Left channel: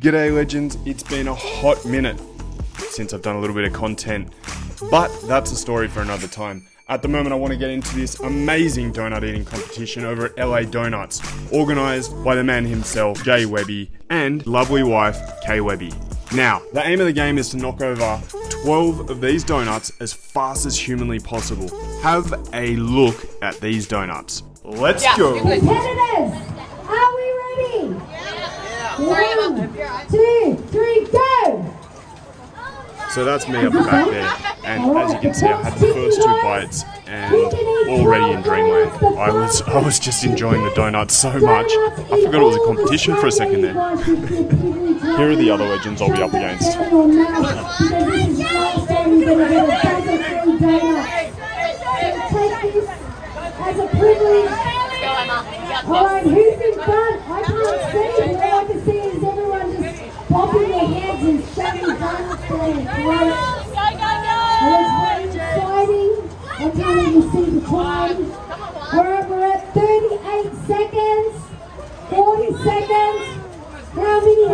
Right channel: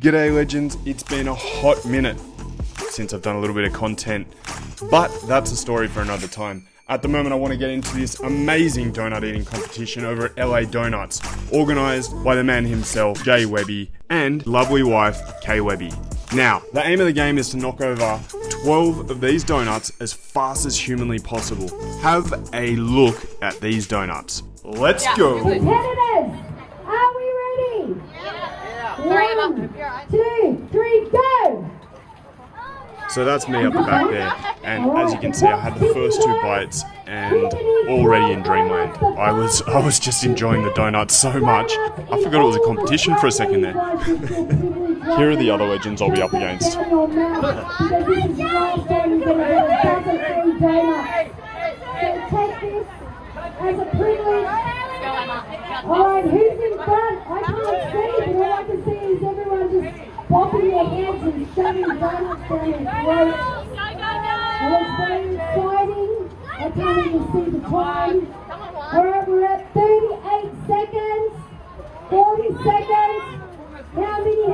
G'day legends, it's been a hot minute since I've done a little bit of content, but that's a story for another time. At the moment I want to get into this amazing donut eating competition over at LA Donuts, organised by the man himself, Jay Webby, and lovely wife, Kay Webby. Now, the aim of the game is to knock over 12 of these donuts as fast as humanly possible. Have a look at these donuts. Let's go! Candidates, are we ready? Yeah. 1, 2, 3, go! So that's me up the back there, and as you can see I had the first 2 bites and already in dreamland. I was just enjoying the donuts so much, I forgot it was a competition for a second there. Here are the other legends I'll be up against. Alright, who's in front? I can't see. All I can see is everyone just popping their heads and showing donuts there. It's exciting. I can't even see the time. We're at 38 seconds. 40 seconds. How many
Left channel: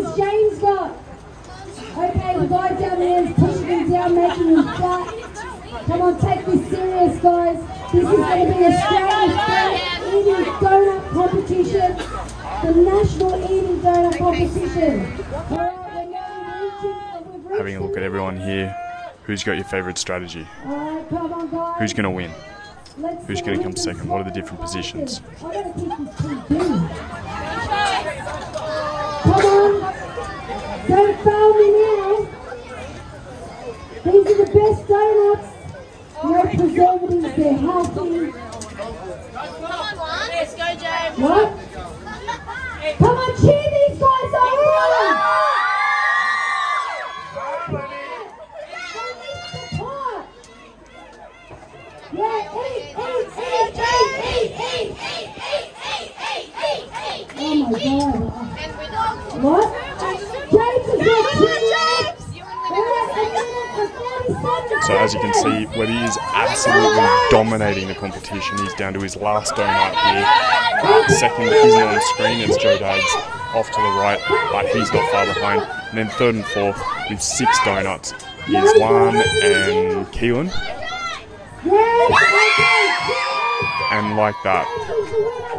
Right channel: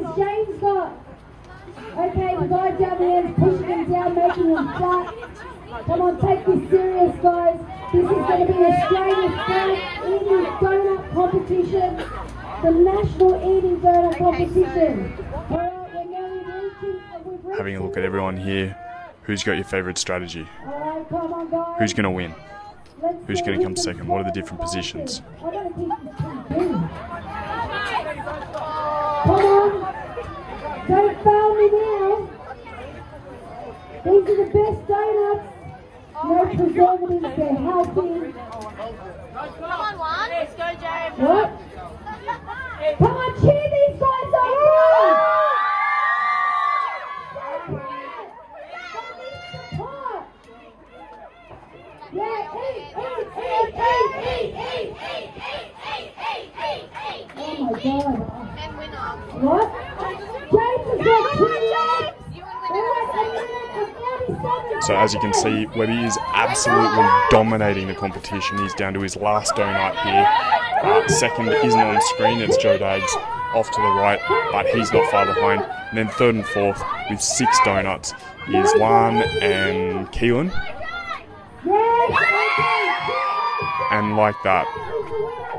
has James got? Okay, the guy down there is pushing down, making him fight. Come on, take this serious, guys. This is going to be Australia's first eating donut competition. The National Eating Donut Competition. Having a look at everyone here, who's got your favourite strategy? Who's going to win? Who's going to come second? What are the different positions? Come on, don't fail me now. These are the best donuts. No preservatives, they're healthy. Come on, Juan. Let's go, James. What? Come on, cheer these guys on! Yeah, eat! Oh my God. What? James is So as you can see, Webby is absolutely dominating the competition. He's down to his last donut here. Second isn't on screen, it's Joe Dags off to the right, but he's not far behind. And then third and fourth with 6 donuts is Juan and Keelan. And like that,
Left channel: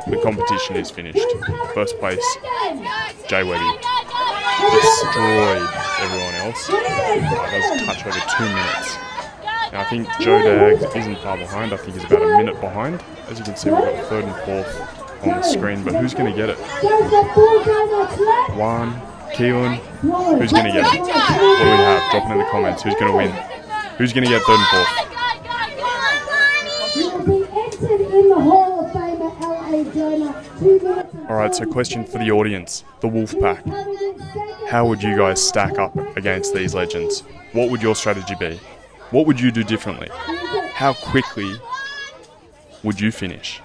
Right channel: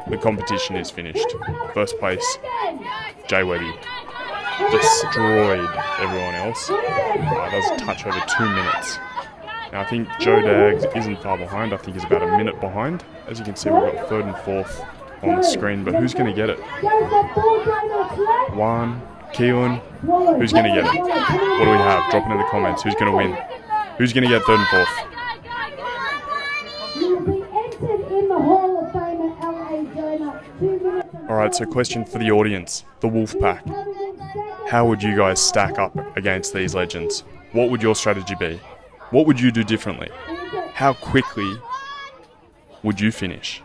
the competition is finished. First place, Jay Webby. Destroyed everyone else. That was a touch over 2 minutes. Now I think Joe Dags isn't far behind. I think he's about a minute behind. As you can see, we've got third and fourth on the screen, but who's going to get it? Juan, Keelan, who's going to get it? What do we have? Drop it in the comments. Who's going to win? Who's going to get third and fourth? Alright, so question for the audience, the Wolfpack. How would you guys stack up against these legends? What would your strategy be? What would you do differently? How quickly would you finish?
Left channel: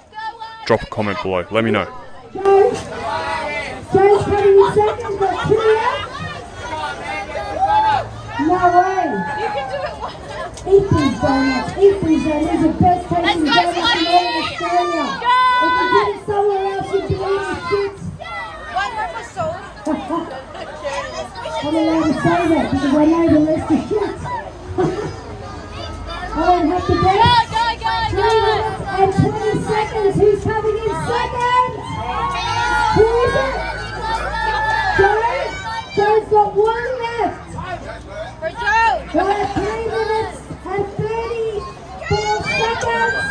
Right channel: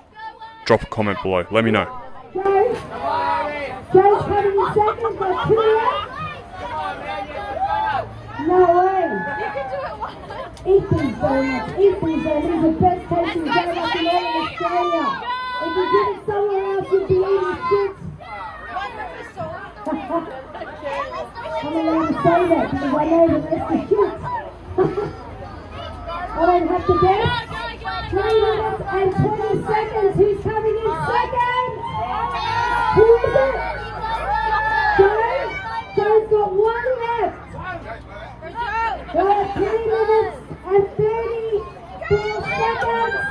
Drop a comment below, let me know. Joe's coming in second, got 2 minutes. No way. You can do it. Eat these donuts, eat these donuts. These are the best tasting donuts in Australia. If you did it somewhere else, you'd be eating shit. I'm allowed to say that because I know the rest is shit. I don't have to bet. 2 minutes and 20 seconds. Who's coming in second? Who is it? Joe? Joe's got 1 left. For Joe. We're at 3 minutes and 34 seconds.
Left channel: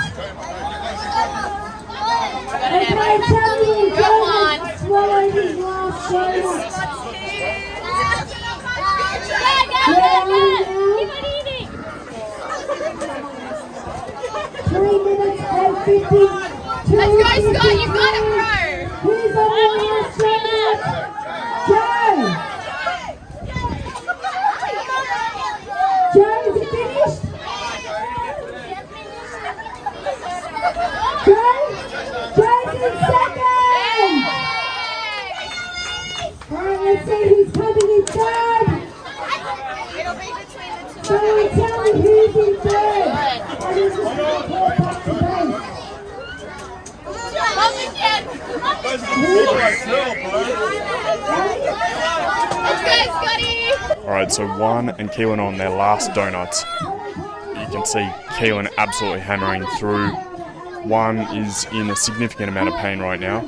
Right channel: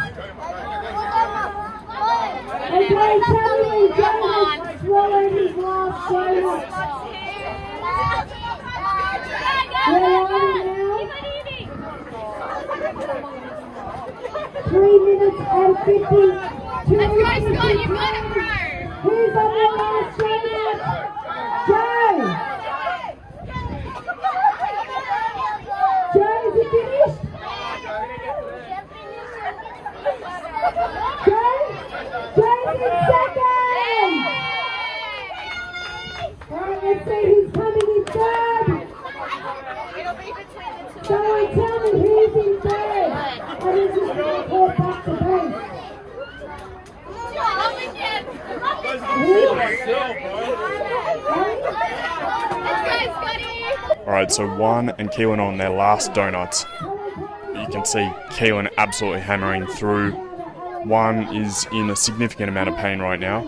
Okay, tell me, Joe has swallowed his last donut. Where are we now? 3 minutes and 52 Let's go, Scott. You got it, bro. Who's on the last donut? Joe! Joe, is it finished? Joe? Joe's in second! Alright, let's see who's coming in third. It'll be between the 2. Joe, tell me who's in third. I need to report back to base. Love again. Alright, so Juan and Keelan on their last donuts. You can see Keelan absolutely hammering through. Juan is in a significant amount of pain right now,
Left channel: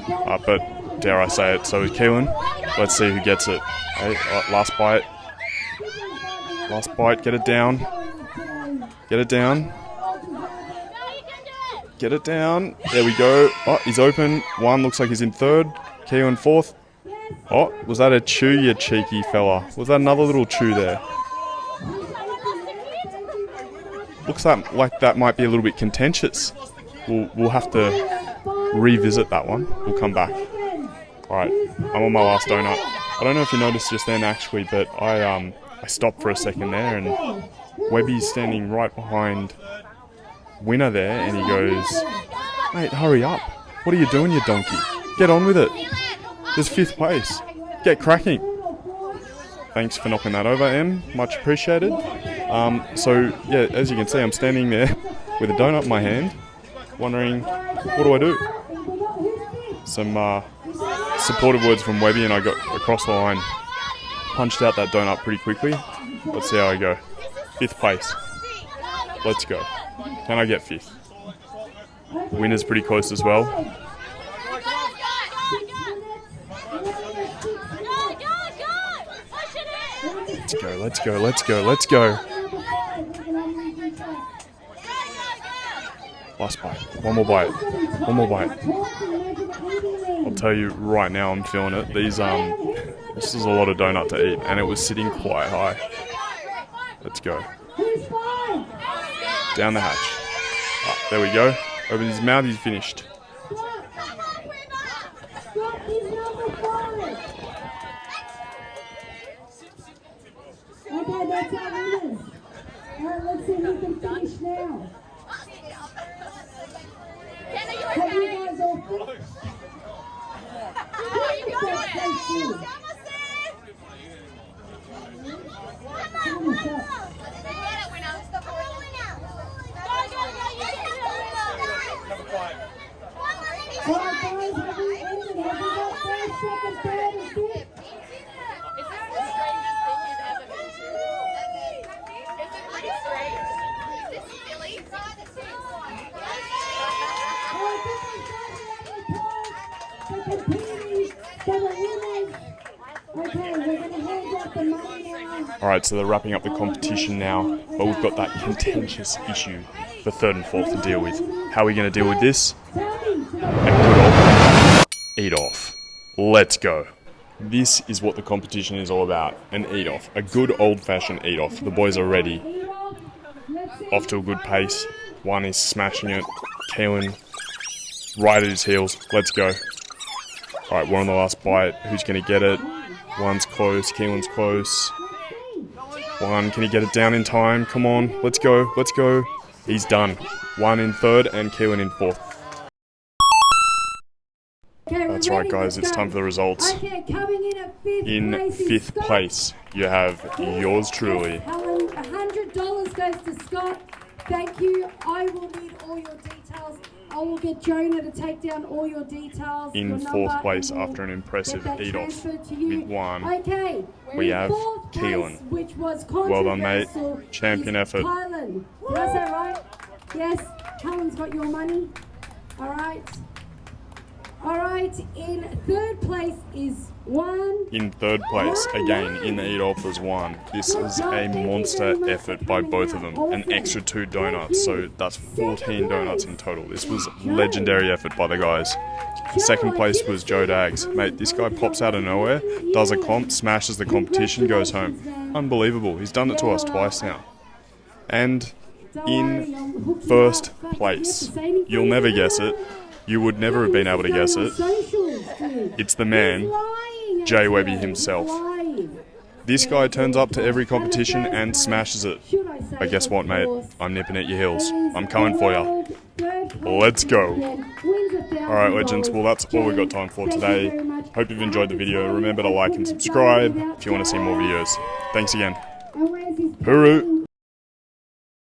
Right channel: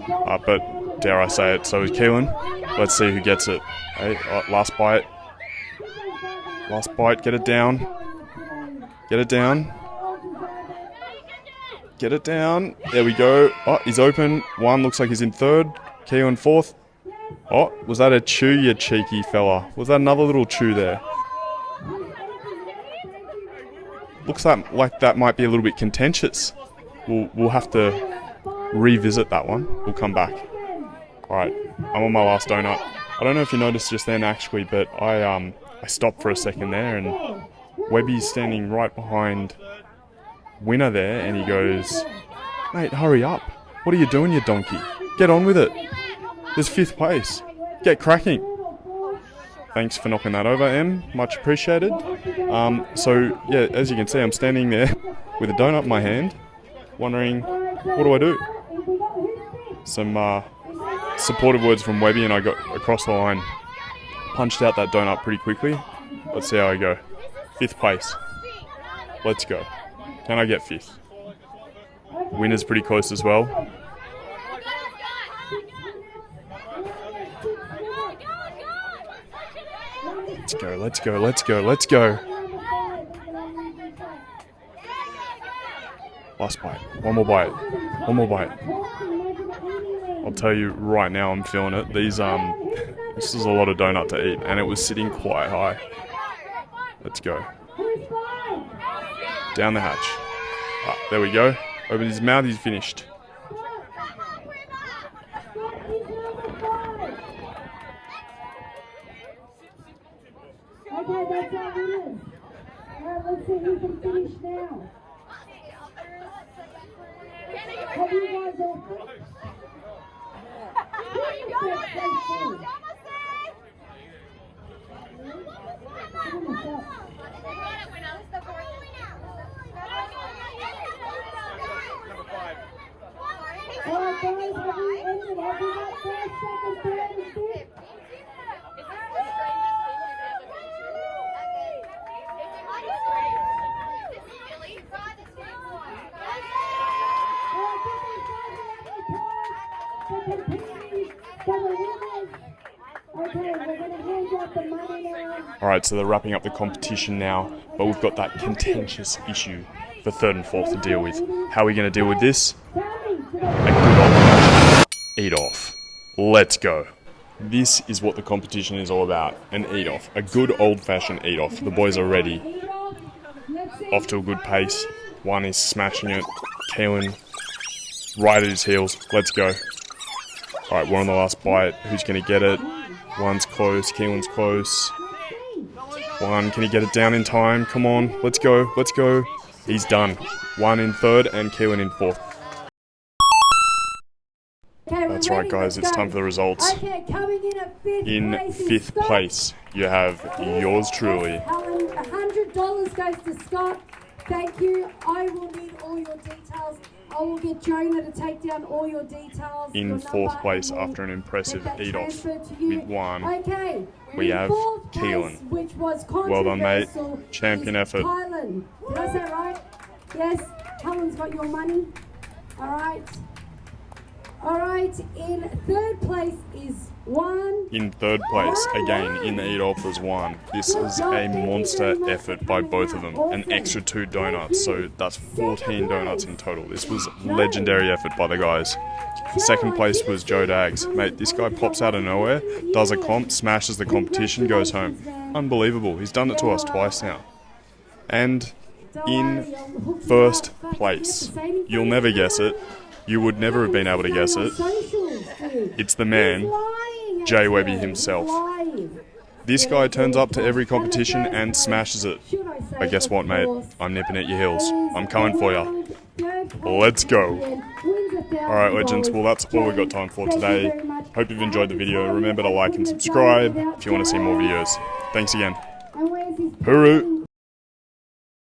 but dare I say it, so is Keelan. Let's see who gets it. Hey, last bite. Last bite, get it down. Get it down. Get it down. There we go. Oh, he's open. Juan looks like he's in third. Keelan fourth. Oh, was that a chew, you cheeky fella? Was that another little chew there? Looks like that might be a little bit contentious. We'll have to revisit that one. We'll come back. Alright, I'm on my last donut. I don't know if you noticed just then actually, but I stopped for a second there and Webby's standing right behind Winner there and he goes, "Mate, hurry up. What are you doing, you donkey? Get on with it. There's 5th place. Get cracking." Thanks for knocking that over, Em. Much appreciated. So, yeah, as you can see, I'm standing there with a donut in my hand, wondering, what do I do? Some supportive words from Webby and I got across the line. Punched out that donut pretty quickly. Let's see how I go. 5th place. Let's go. Can I get 5th? Winner's pretty close as well. Let's go, let's go, let's go, let's go. Last bite. One more bite. One more bite. I'll tell you right now, I'm feeling it. This is a lot of donut to eat, and it was sitting quite high. Let's go. Down the hatch. Ah, there we go. Open his mouth, he's finished. Okay, that's our winners. Let's see if we can finish now. Have you guys all finished? Number 5. Alright guys, have we ended? Have we got 5 seconds to let us sit? Alright, so they're wrapping up the competition now, but we've got that contentious issue for 3rd and 4th to deal with. How are we going to deal with this? A good old eat off. Let's go. This is what the competition is all about, an eat off. A good old fashioned eat off. The boys are ready. Off to a good pace. One is smashing it. Keelan right at his heels. Let's go. Alright, we're on the last bite. Who's going to get it? One's close. Keelan's close. One, can he get it down in time? Come on, let's go, let's go. He's done. One in 3rd and Keelan in 4th. That's right, guys, it's time for the results. Okay, coming in at 5th In place is 5th Scott. place, you have yours truly. Helen, $100 goes to Scott. Thank you. I will need all your details. I will get Jonah to take down all your details. In your 4th number, place and we'll after an impressive get that eat off transferred to you. with one. Okay. We in have 4th place, Keelan. which was Well done, mate. controversial, Champion is effort. Kylan. Did I say it right? Yes. Helen's got your money. All right. All right. In 3rd place is one. In 3rd place, again, in the eat off was one. This is a monster effort by both of them. An extra 2 donuts, so that's 14 donuts in total. This was legendary effort by the guys. 2nd place was Joe Dags. Mate, this guy pops out of nowhere, does a comp, smashes the competition, goes home. Unbelievable. He's done it to us twice now. And in 1st place, you'll never guess it. You would never have been able to guess it. It's the man, Jay Webby himself. This guy turns up to every competition and smashes it. But guess what, mate? I'm nipping at your heels. I'm coming for you. Let's go. Alright, legends. Well, that's all we've got time for today. Hope you've enjoyed the video. Remember to like and subscribe if you want to see more videos. Thanks again. Hooroo!